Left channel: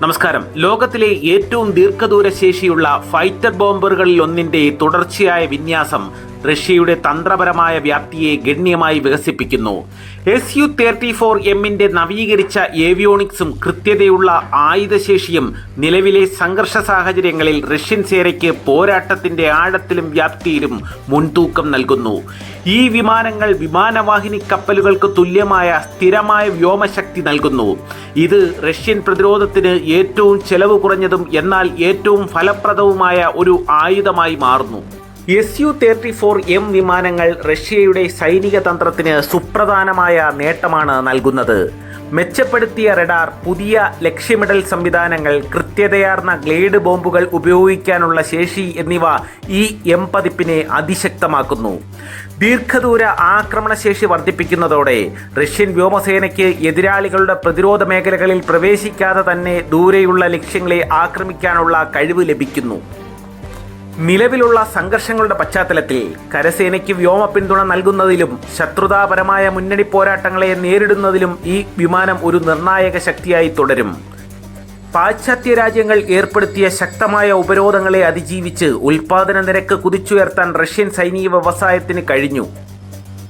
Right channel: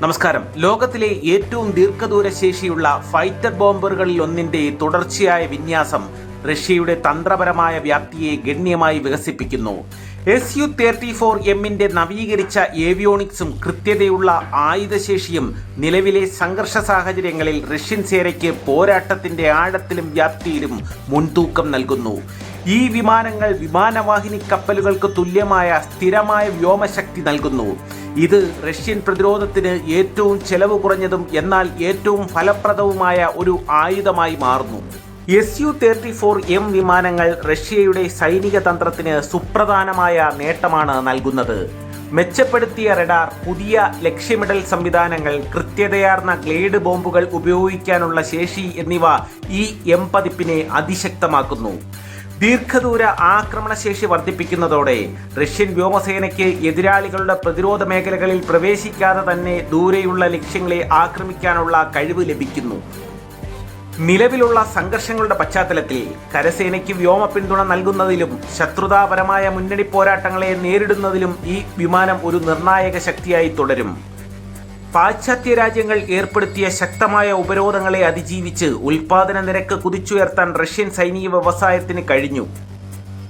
നമസ്കാരം. ലോകത്തിലെ ഏറ്റവും ദീർഘദൂര ശേഷിയുള്ള ഫൈറ്റർ ബോംബറുകളിൽ ഒന്നിന്റെ തുടർച്ചയായ വിന്യാസം റഷ്യയുടെ തന്ത്രപരമായ വ്യാപ്തിയെ ഗണ്യമായി വികസിപ്പിക്കുന്നു. എസ് യു തേർട്ടി ഫോർ എമ്മിന്റെ നവീകരിച്ച ഏവിയോണിക്സും കൃത്യതയുള്ള ആയുധശേഷിയും നിലവിലെ സംഘർഷ സാഹചര്യങ്ങളിൽ റഷ്യൻ സേനയ്ക്ക് പോരാട്ടത്തിന്റെ ആഴത്തിലും വ്യാപ്തിയിലും മുൻതൂക്കം നൽകുന്നു. ഈ വിമാനങ്ങൾ വിമാനവാഹിനി കപ്പലുകൾക്ക് തുല്യമായ സ്ഥിരമായ വ്യോമശക്തി നൽകുന്നു. ഇത് റഷ്യൻ പ്രതിരോധത്തിന് ഏറ്റവും ചെലവ് കുറഞ്ഞതും എന്നാൽ ഏറ്റവും ഫലപ്രദവുമായ ഒരു ആയുധമായി മാറുന്നു. S U thirty four M വിമാനങ്ങൾ റഷ്യയുടെ സൈനിക തന്ത്രത്തിന് സുപ്രധാനമായ നേട്ടമാണ് നൽകുന്നത്. മെച്ചപ്പെടുത്തിയ റഡാർ പുതിയ ലക്ഷ്യമിടൽ സംവിധാനങ്ങൾ കൃത്യതയാർന്ന ഗ്ലേഡ് ബോംബുകൾ ഉപയോഗിക്കാനുള്ള ശേഷി എന്നിവ ഈ എം പതിപ്പിനെ അതിശക്തമാക്കുന്നു. ദീർഘദൂര ആക്രമണശേഷി വർദ്ധിപ്പിക്കുന്നതോടെ റഷ്യൻ വ്യോമസേനയ്ക്ക് എതിരാളികളുടെ പ്രതിരോധ മേഖലകളിൽ പ്രവേശിക്കാതെ തന്നെ ദൂരെയുള്ള ലക്ഷ്യങ്ങളെ ആക്രമിക്കാനുള്ള കഴിവ് ലഭിക്കുന്നു. നിലവിലുള്ള സംഘർഷങ്ങളുടെ പശ്ചാത്തലത്തിൽ കരസേനയ്ക്ക് വ്യോമ പിന്തുണ നൽകുന്നതിലും ശത്രുതാപരമായ മുന്നണി പോരാട്ടങ്ങളെ നേരിടുന്നതിലും ഈ വിമാനം ഒരു നിർണായക ശക്തിയായി തുടരും. പാശ്ചാത്യ രാജ്യങ്ങൾ ഏർപ്പെടുത്തിയ ശക്തമായ ഉപരോധങ്ങളെ അതിജീവിച്ച് ഉൽപാദന നിരക്ക് കുതിച്ചുയർത്താൻ റഷ്യൻ സൈനിക വ്യവസായത്തിന് കഴിഞ്ഞു.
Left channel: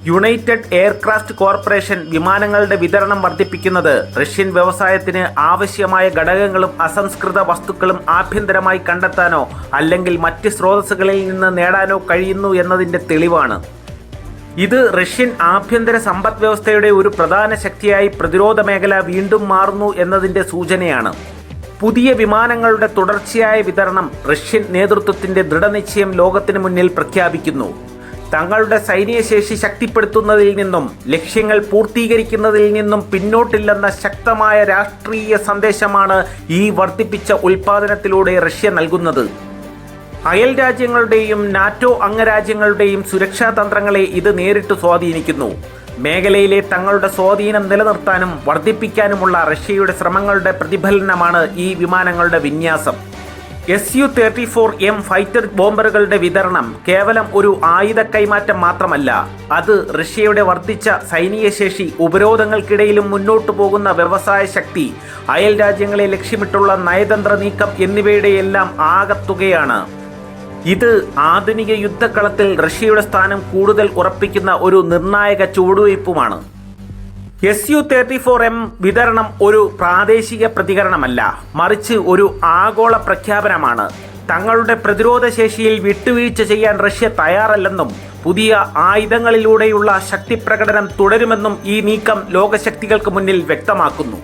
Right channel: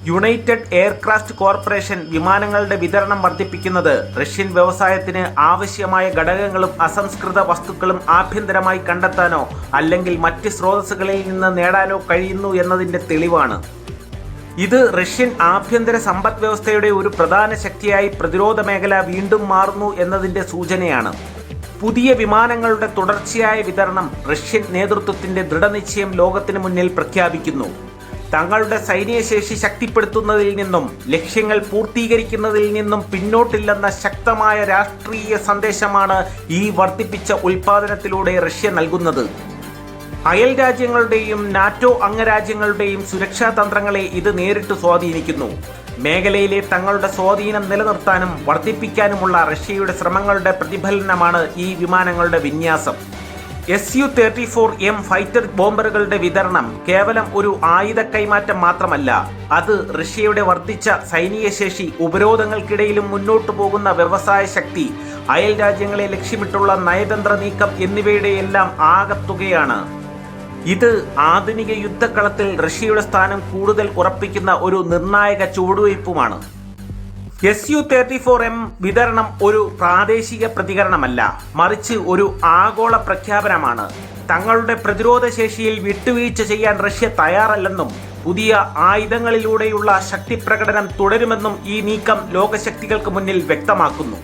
യുണൈറ്റഡ് എയർക്രാഫ്റ്റ് കോർപ്പറേഷൻ വിമാനങ്ങളുടെ വിതരണം വർദ്ധിപ്പിക്കുന്നത് റഷ്യൻ വ്യവസായത്തിന് ആവശ്യമായ ഘടകങ്ങളും അസംസ്കൃത വസ്തുക്കളും ആഭ്യന്തരമായി കണ്ടെത്താനോ അല്ലെങ്കിൽ മറ്റ് സ്രോതസ്സുകളിൽ നിന്ന് നേടാനോ കഴിയുന്നു എന്നതിന്റെ തെളിവാണ്. ഇത് റഷ്യൻ ആഭ്യന്തര സമ്പദ് വ്യവസ്ഥയുടെ ഒരു പ്രധാന ശക്തിയായി പ്രതിരോധ മേഖല വീണ്ടും മാറുന്നു എന്നതിന്റെ സൂചനയാണ്. പുതിയ വിമാനങ്ങളുടെ തുടർച്ചയായ വിതരണം റഷ്യൻ നേതൃത്വത്തിന്റെ ദൃഢനിശ്ചയം ലോകത്തിന് മുന്നിൽ പ്രഖ്യാപിക്കുന്നു. തങ്ങളുടെ സൈനിക ശേഷി ശക്തിപ്പെടുത്തുന്നതിൽ നിന്നും ലക്ഷ്യങ്ങൾ പൂർത്തീകരിക്കുന്നതിൽ നിന്നും പിന്നോട്ടില്ലെന്ന ശക്തമായ രാഷ്ട്രീയ സന്ദേശമാണ് ഈ വർദ്ധിപ്പിച്ച ഉൽപാദനത്തിലൂടെ റഷ്യ നൽകുന്നത്. അയൽ രാജ്യങ്ങളുടെയും നാറ്റോ അംഗരാജ്യങ്ങളുടെയും സുരക്ഷാ തന്ത്രങ്ങളെ ഇത് നേരിട്ട് സ്വാധീനിക്കുന്നു. മേഖലയിലെ തങ്ങളുടെ സ്വാധീനം നിലനിർത്താനും വർദ്ധിപ്പിക്കാനുമുള്ള റഷ്യയുടെ ശ്രമങ്ങളുടെ പ്രതിഫലനമാണ് ഈ വിമാനങ്ങളുടെ വിന്യാസം. S U thirty four M fighter ബോംബറുകളുടെ വിതരണം കേവലം ഒരു ആയുധ കൈമാറ്റം മാത്രമല്ല അത് റഷ്യയുടെ വർദ്ധിച്ച സൈനിക ശേഷി ഉപരോധങ്ങൾക്കിടയിലും മുന്നോട്ടു പോകുന്ന വ്യവസായ ശക്തി അയൽ രാജ്യങ്ങളെ ലക്ഷ്യമിട്ടുള്ള നയതന്ത്ര നീക്കം എന്നിവയുടെയെല്ലാം ആകത്തുകയാണ്. ഇത് ആധുനിക യുദ്ധക്കളത്തിൽ റഷ്യയുടെ സ്ഥാനം കൂടുതൽ ഉറപ്പിക്കുന്ന ഒരു നിർണായക ചുവടുവയ്പുമാണ്. S U thirty four M വിതരണം ഒരു പ്രാദേശിക പ്രതികരണമല്ല മറിച്ച് ഒരു ആഗോള പ്രഖ്യാപനമാണ്. തങ്ങളുടെ പ്രതിരോധ ശേഷിയിൽ വിട്ടുവീഴ്ച ചെയ്യാൻ റഷ്യ തയ്യാറല്ലെന്നും പുതിയ ആയുധങ്ങളിലൂടെയുള്ള ശക്തിപ്രകടനം തുടരുമെന്നും ഈ നീക്കം ലോകശക്തികൾക്ക് മുന്നിൽ വ്യക്തമാക്കുന്നു.